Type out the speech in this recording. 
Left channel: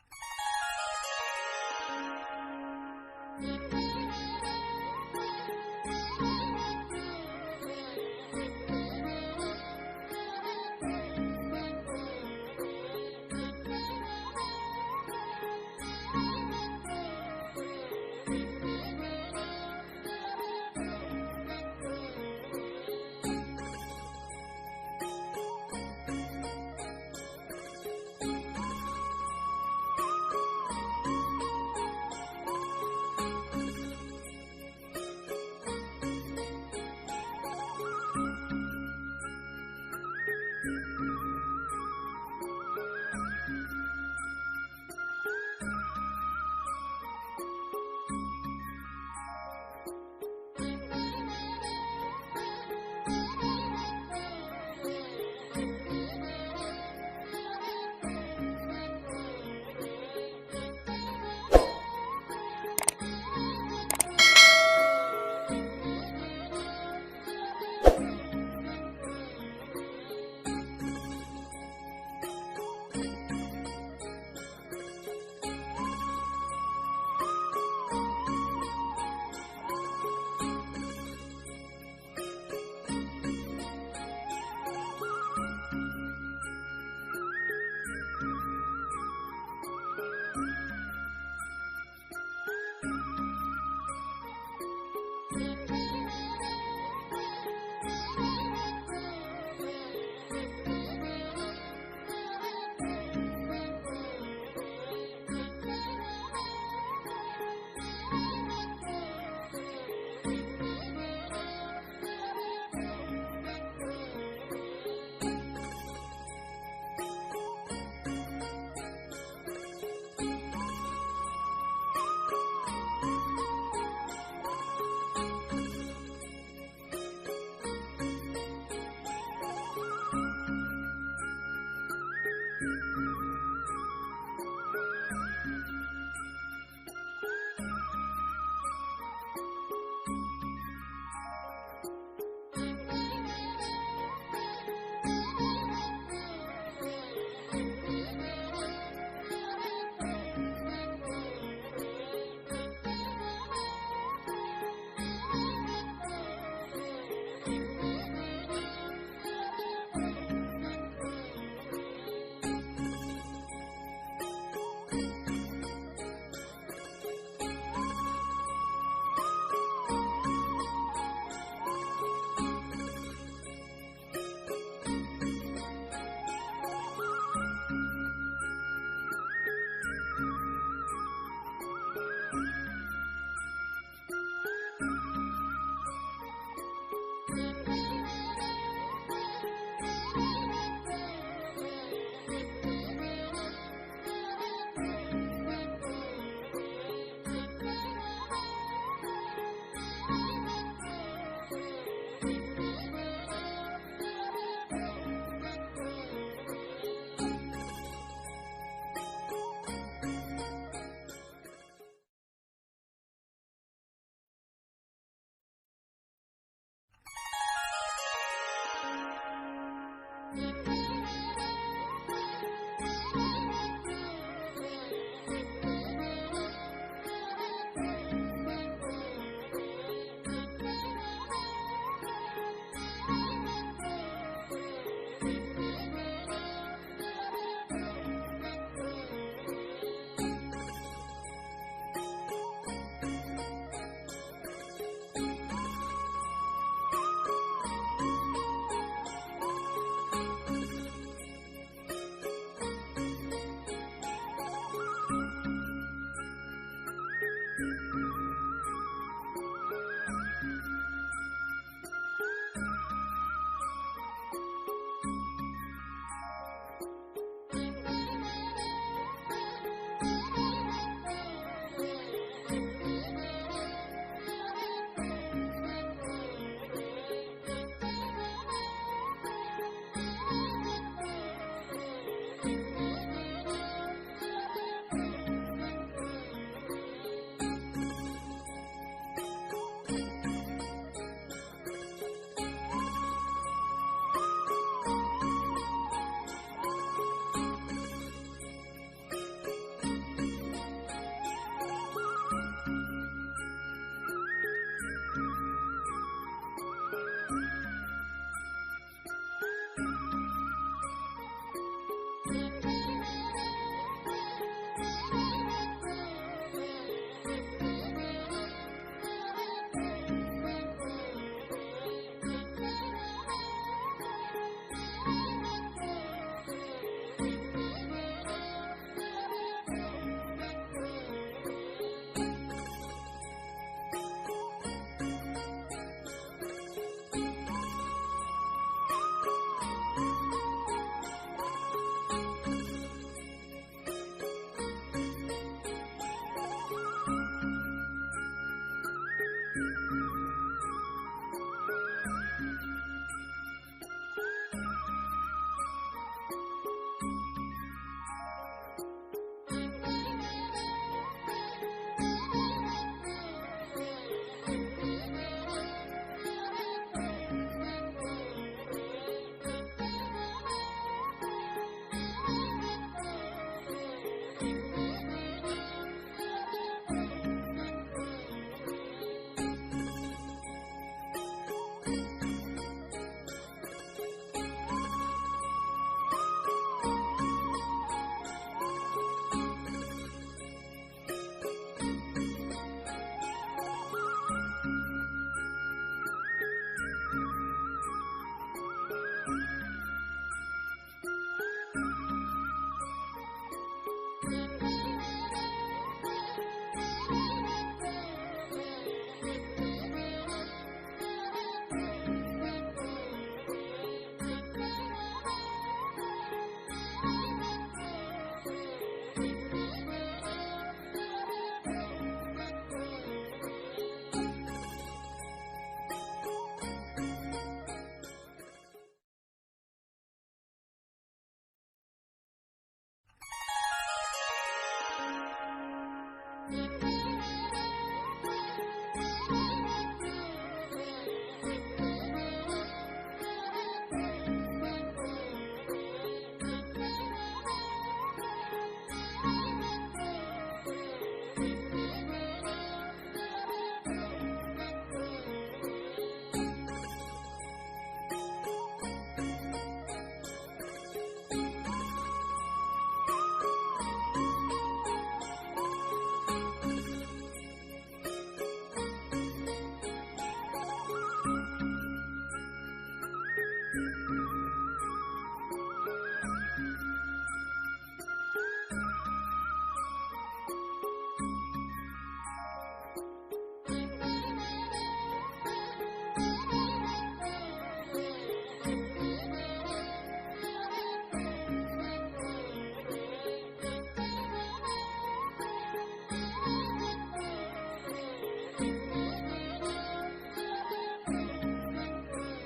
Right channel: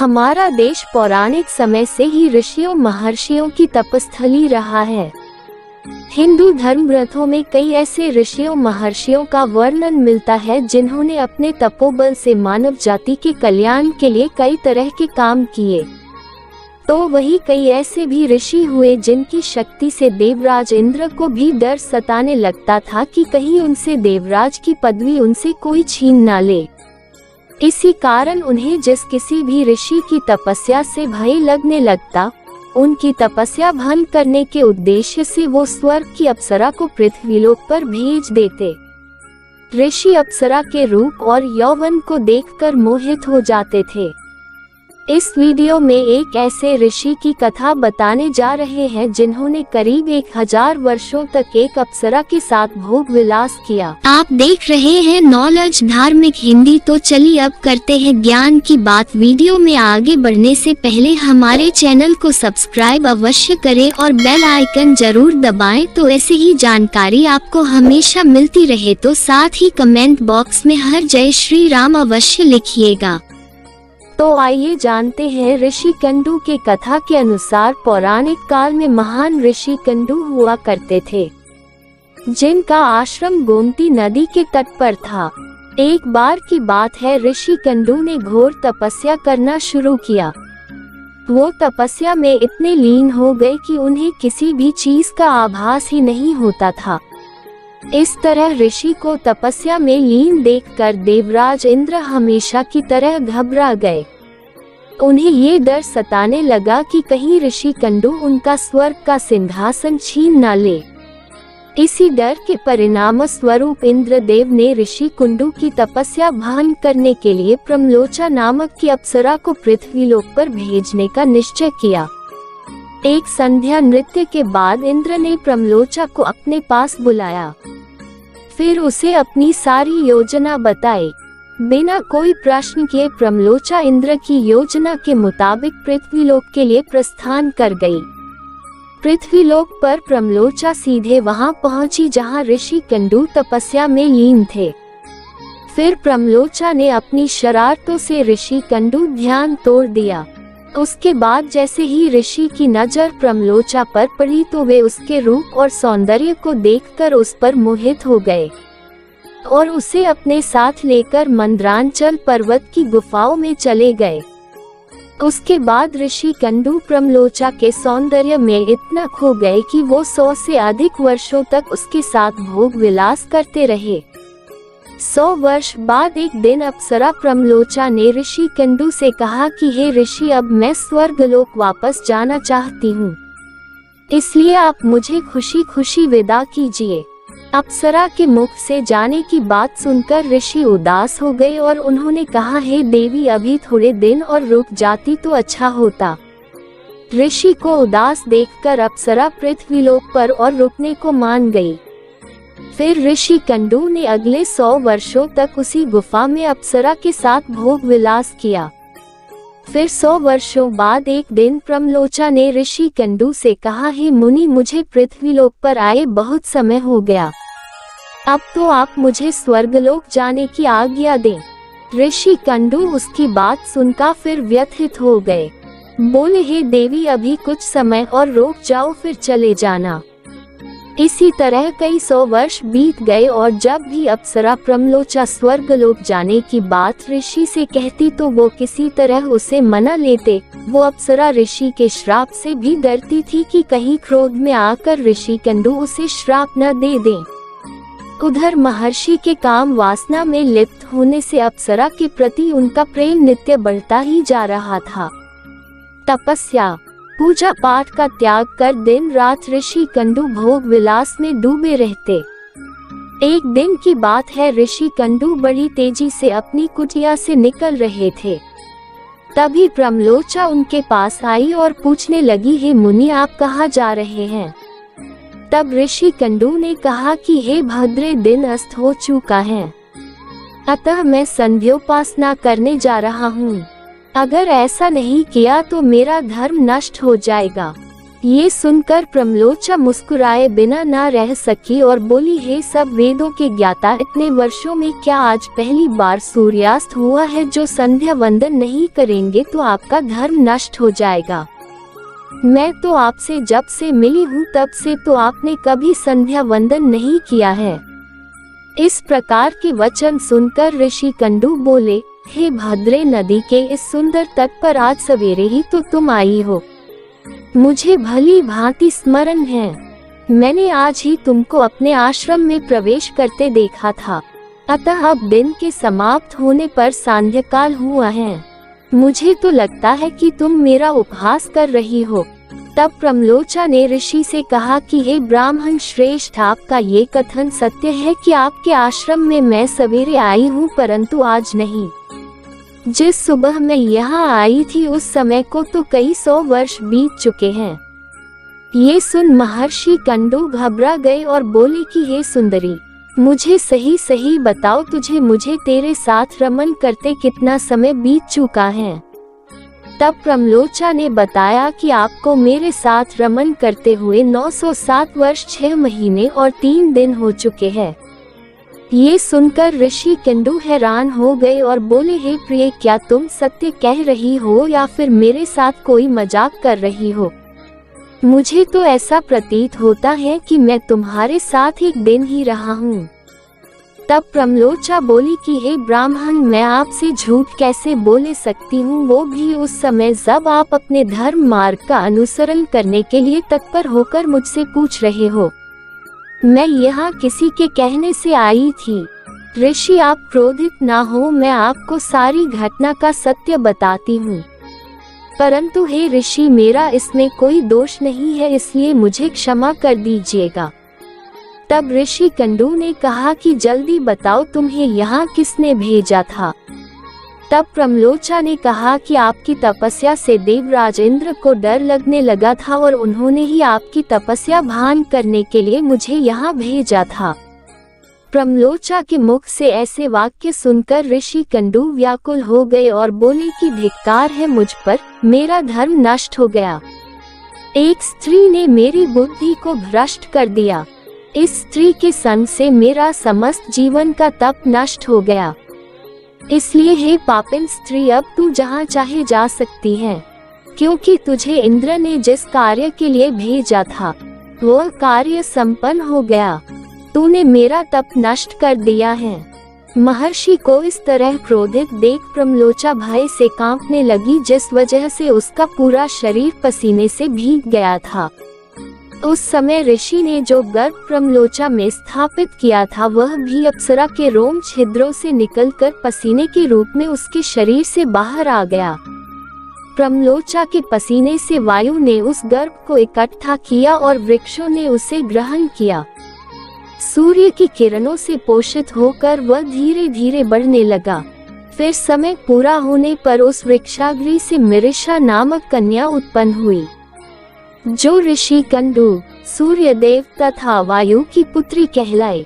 हमारा देश पौराणिक समय से ही ऋषियों महर्षियों की तपस्थली रहा है। हिंदू धर्म ग्रंथों में कई ऐसे ऋषियों महर्षियों का वर्णन मिलता है जिन्होंने अपने तपोबल से मानव जाति के कल्याण के लिए कई तरह के काम किए। तो वही कई ऐसे भी ऋषि हुए जिनकी शक्ति से देवराज इंद्र को भी डर सताने लगता था कि कहीं उनसे देवराज की पदवी उनसे कोई छीन ना ले। इसी कारण उन्हें जिस किसी भी ऋषि की तपस्या से भय लगने लगता, उनकी तपस्या भंग करने के उद्देश्य से वो स्वर्ग की अप्सरा को पृथ्वीलोक पर भेज देते। ऋषि अप्सरा के रूप और यौवन को देखकर मोहित हो जाते थे। इस वीडियो में एक ऐसे ऋषि की कथा बताने जा रहे हैं जिन्होंने करीब 1000 वर्षों तक एक अप्सरा के साथ भोग विलास किया। आप देख रहे हैं नॉलेज धार्मिक हिंदी। तो चलिए अब करते हैं ज्ञान की बात। वीडियो में आगे बढ़ने से पहले हमारे चैनल को सब्सक्राइब अवश्य करें और बेल आइकन जरूर दबाएं, तो ऐसी ही जानकारी आपको हमेशा मिलती रहे। तो साथ ही कमेंट बॉक्स में हर जय श्री राम अवश्य लिखिएगा। तो आइए जानते हैं ऋषि कंडू के कथा के अनुसार पौराणिक काल में महान ऋषि कंडू हुआ करते थे, जिनका आश्रम गोमती नदी के तट पर था। एक बार की बात है, ऋषि कंडू ने घोर तपस्या करना शुरू किया। वो तपस्या में इतने लीन हो गए कि उन्हें किसी भी चीज का आभास ही नहीं होता था। इस तरह ऋषि को तपस्या में लीन देखकर देवराज इंद्र हमेशा की तरह घबरा गए। उन्हें ये डर सताने लगा कि कहीं ऋषि कंडू उनका स्वर्ग का सिंहासन छीन न ले। इसी डर के परिणाम स्वरूप इंद्रदेव ने ऋषि कुंडू की तपस्या भंग करने के लिए प्रमलोचा नामक की अप्सरा को पृथ्वीलोक पर भेजने का निश्चय किया। एक संध्या नृत्य के बाद इंद्र ने प्रमलोचा को अपने पास बुलाया। फिर उसे अपनी सारी योजना बताई। बिना कोई प्रश्न किए प्रमलोचा इंद्र की योजना के मुताबिक पृथ्वीलोक के लिए प्रस्थान कर गई। पृथ्वीलोक पर प्रमलोचा सीधे वहां पहुंची जहां ऋषि कंडू तपस्या में लीन थे। फिर प्रमलोचा ने अपनी शरारतों से ऋषि कंडू ध्यान तोड़ दिया। उसके बाद जैसे ही ऋषि की नजर प्रमलोचा पर पड़ी तो वे उसके रूप और सौंदर्य को देखकर उस पर मोहित हो गए और उसे अपने साथ लेकर मंद्रांचल पर्वत की गुफाओं में चले गए। उसके बाद ऋषि कंडू प्रमलोचा के सौंदर्य में इतना खो गए कि वो 100 से अधिक वर्षों तक उसके साथ भोग विलास करते रहे। 100 वर्ष बाद एक दिन अप्सरा प्रमलोचा ने ऋषि कंडू से कहा कि हे ऋषि, अब मैं स्वर्गलोक वापस जाना चाहती हूँ, इसलिए आप मुझे खुशी खुशी विदा कीजिए। अप्सरा के मुख से जाने की बात सुनकर ऋषि उदास हो गए और उन्होंने कहा, हे देवी, अभी थोड़े दिन और रुक जाती तो अच्छा होता। ऋषि को उदास देखकर अप्सरा पृथ्वीलोक पर और रुकने को मान गई। फिर ऋषि कंडू ने अगले 100 वर्षों तक उसी गुफा में अप्सरा के साथ भोग विलास किया। फिर 100 वर्षों बाद एक दिन प्रमलोचा ने ऋषि कंडू से कहा, हे मुनि, मुझे पृथ्वीलोक पर आए बहुत समय हो गया, अब तो आप मुझे स्वर्गलोक जाने की आज्ञा दें। ऋषि कंडू उसकी बात सुनकर फिर व्यथित हो गए। बोले, हे देवी, अभी कुछ समय और रुक जाओ, फिर चले जाना। इसी तरह कई 100 वर्ष बीत गए और जब भी अप्सरा प्रमलोचा स्वर्गलोक जाने की बात ऋषि से कहती तो वो किसी तरह उसे मना लेते। वो अप्सरा ऋषि के श्राप से भी डरती थी कि कहीं क्रोध में आकर ऋषि कंडू उसे श्राप न दे दें। उधर महर्षि के काम वासना में लिप्त होने से अप्सरा के प्रति उनका प्रेम नित्य बढ़ता ही जा रहा था। तपस्या पूजा पाठ का त्याग कर दिन रात ऋषि कंडू भोग विलास में डूबे रहते। एक दिन की बात है, ऋषि कंडू बड़ी तेजी से अपनी कुटिया से निकल रहे थे। तभी प्रमलोचा उनके पास आई और पूछने लगी, हे मुनि, आप कहाँ जा रहे हैं? तब ऋषि कंडू ने कहा कि हे भद्रे, दिन अस्त हो चुका है, अतः मैं संध्योपासना करने जा रहा हूँ। अगर ऐसा नहीं किया तो मेरा धर्म नष्ट हो जाएगा। ये सुनकर प्रमलोचा मुस्कुराए बिना ना रह सकी और बोली, हे सब वेदों के ज्ञाता, इतने वर्षों में क्या आज पहली बार सूर्यास्त हुआ है? जो संध्या वंदन नहीं करेंगे तो आपका धर्म नष्ट हो जाएगा। मैं तो आपसे जब से मिली हूँ तब से तो आपने कभी संध्या वंदन नहीं किया है। इस प्रकार के वचन सुनकर ऋषि कंडू बोले, हे भद्रे, नदी के इस सुंदर तट पर आज सवेरे ही तो तुम आई हो। मुझे भली भांति स्मरण है, मैंने आज ही तुमको अपने आश्रम में प्रवेश करते देखा था। अतः अब दिन के समाप्त होने पर सांध्यकाल हुआ है। मुझे तो लगता है कि तुम मेरा उपहास कर रही हो। तब प्रमलोचा ने ऋषि से कहा कि हे ब्राह्मण श्रेष्ठ, आपका ये कथन सत्य है कि आपके आश्रम में मैं सवेरे आई हूँ, परंतु आज नहीं। जिस सुबह मैं यहाँ आई थी उस समय को तो कई 100 वर्ष बीत चुके हैं। ये सुन महर्षि कंडू घबरा गए और बोले कि हे सुंदरी, मुझे सही सही बताओ, मुझे तेरे साथ रमन करते कितना समय बीत चुका है? तब प्रमलोचा ने बताया कि आपको मेरे साथ रमन करते हुए 907 वर्ष 6 महीने और 3 दिन हो चुके हैं। ये सुनकर ऋषि कंडू हैरान हो गए और बोले, हे प्रिय, क्या तुम सत्य कह रही हो या फिर मेरे साथ कोई मजाक कर रही हो? मुझे तो ऐसा प्रतीत होता है कि मैं तुम्हारे साथ एक दिन ही रहा हूँ। तब प्रमलोचा बोली कि हे ब्राह्मण, मैं आपसे झूठ कैसे बोले सकती हूँ, वो भी उस समय जब आप अपने धर्म मार्ग का अनुसरण करने के लिए तत्पर होकर मुझसे पूछ रहे हो। मैं यहाँ किसी के कहने से आई थी। ऋषि, आप क्रोधित ना हो, मैं आपको सारी घटना का सत्य बताती हूँ। परंतु हे ऋषि, मेरा इसमें कोई दोष नहीं है, इसलिए मुझे क्षमा कर दीजिएगा। तब ऋषि कंडू ने कहा कि जल्दी बताओ, तुम्हें यहाँ किसने भेजा था? तब प्रमलोचा ने कहा कि आपकी तपस्या से देवराज इंद्र को डर लगने लगा था और उन्होंने ही आपकी तपस्या भान करने के लिए मुझे यहाँ भेजा था। प्रमलोचा के मुख से ऐसे वाक्य सुनकर ऋषि कंडू व्याकुल हो गए और बोले कि धिक्कार है मुझ पर, मेरा धर्म नष्ट हो गया। एक स्त्री ने मेरी बुद्धि को भ्रष्ट कर दिया। इस स्त्री के संग से मेरा समस्त जीवन का तप नष्ट हो गया। इसलिए हे पापिन स्त्री, अब तू जहाँ चाहे जा सकती है, क्योंकि तुझे इंद्र ने जिस कार्य के लिए भेजा था वह कार्य संपन्न हो गया। तूने मेरा तप नष्ट कर दिया है। महर्षि को इस तरह क्रोधित देख प्रमलोचा भय से कांपने लगी, जिस वजह से उसका पूरा शरीर पसीने से भीग गया था। उस समय ऋषि ने जो गर्भ प्रमलोचा में स्थापित किया था वह भी अप्सरा के रोम छिद्रों से निकलकर पसीने के रूप में उसके शरीर से बाहर आ गया। प्रमलोचा के पसीने से वायु ने उस गर्भ को इकट्ठा किया और वृक्षों ने उसे ग्रहण किया। सूर्य की किरणों से पोषित होकर वह धीरे धीरे बढ़ने लगा। फिर समय पूरा होने पर उस वृक्षाग्री से मिरिशा नामक कन्या उत्पन्न हुई, जो ऋषि कंडू, सूर्यदेव तथा वायु की पुत्री कहलाए।